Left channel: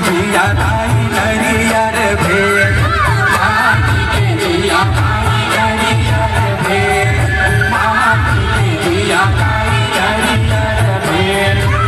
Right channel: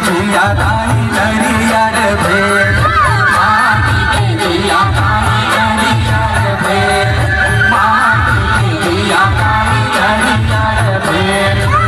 दिया ताई नरिया रे भेर माटी के दिया ताई नरिया रे भेर माटी के दिया ताई नरिया रे भेर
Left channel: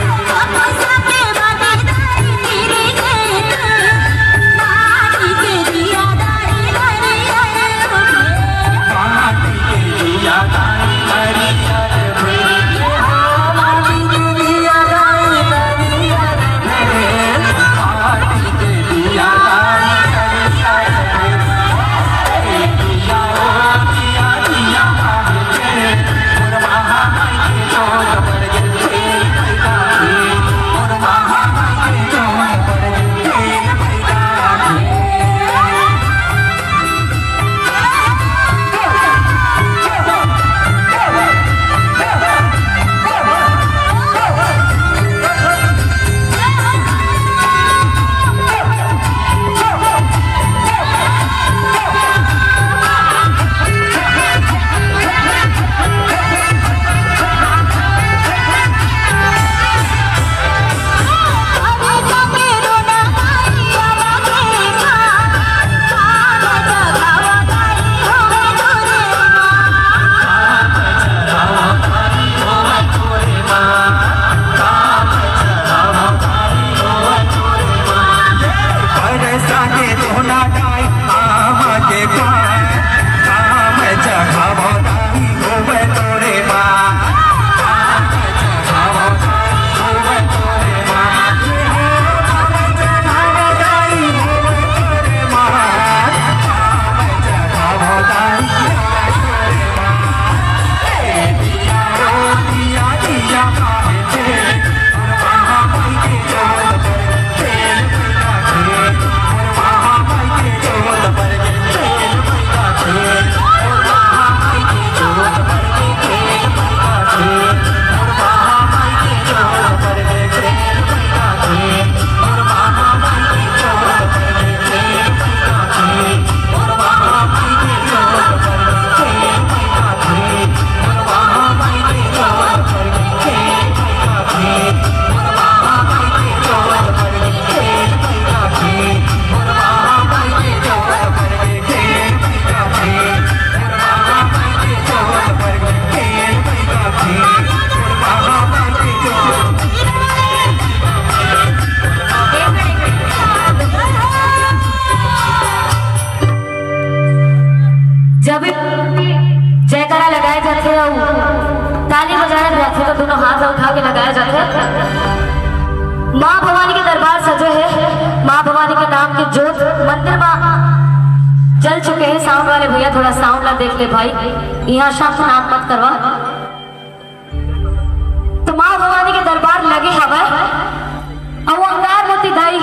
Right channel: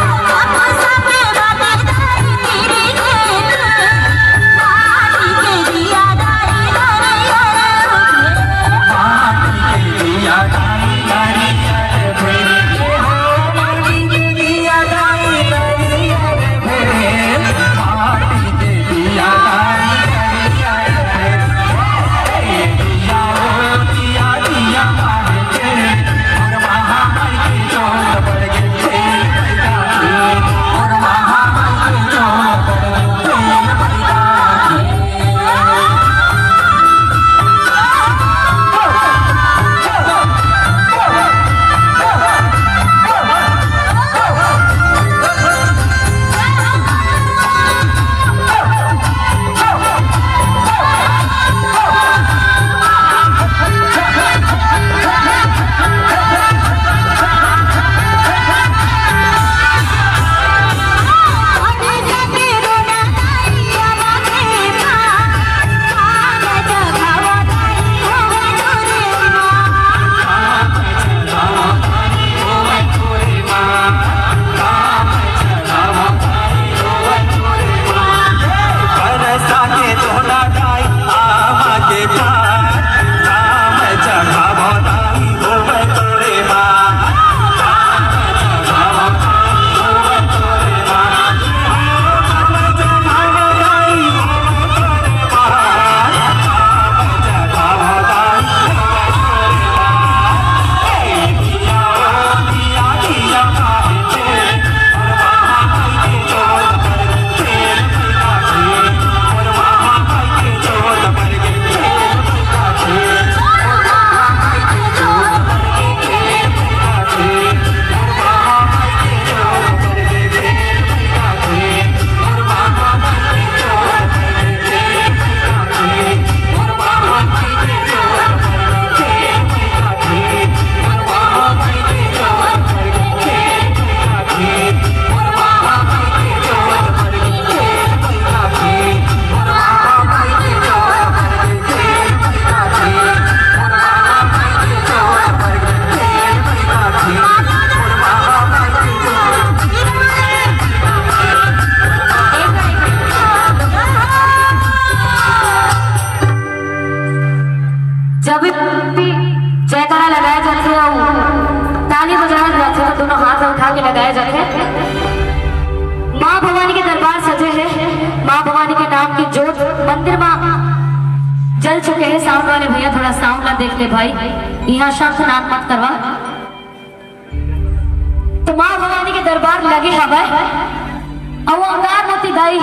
जयकारा लगाया जाता है और ताली बजाया जाता है, दोनों हाथ उठा के लगाया जाता है। माँ भवानी के दरबार सजे हैं, माँ भवानी के नाम की जोत मंदिर में जल चुके हैं। साउंड वाले भैया थोड़ा साउंड ना देख ले भाई, यहाँ शाम से नाच मत करवा। तो माँ भवानी के दरबार लगे हवा और वो अंगार मोती दाई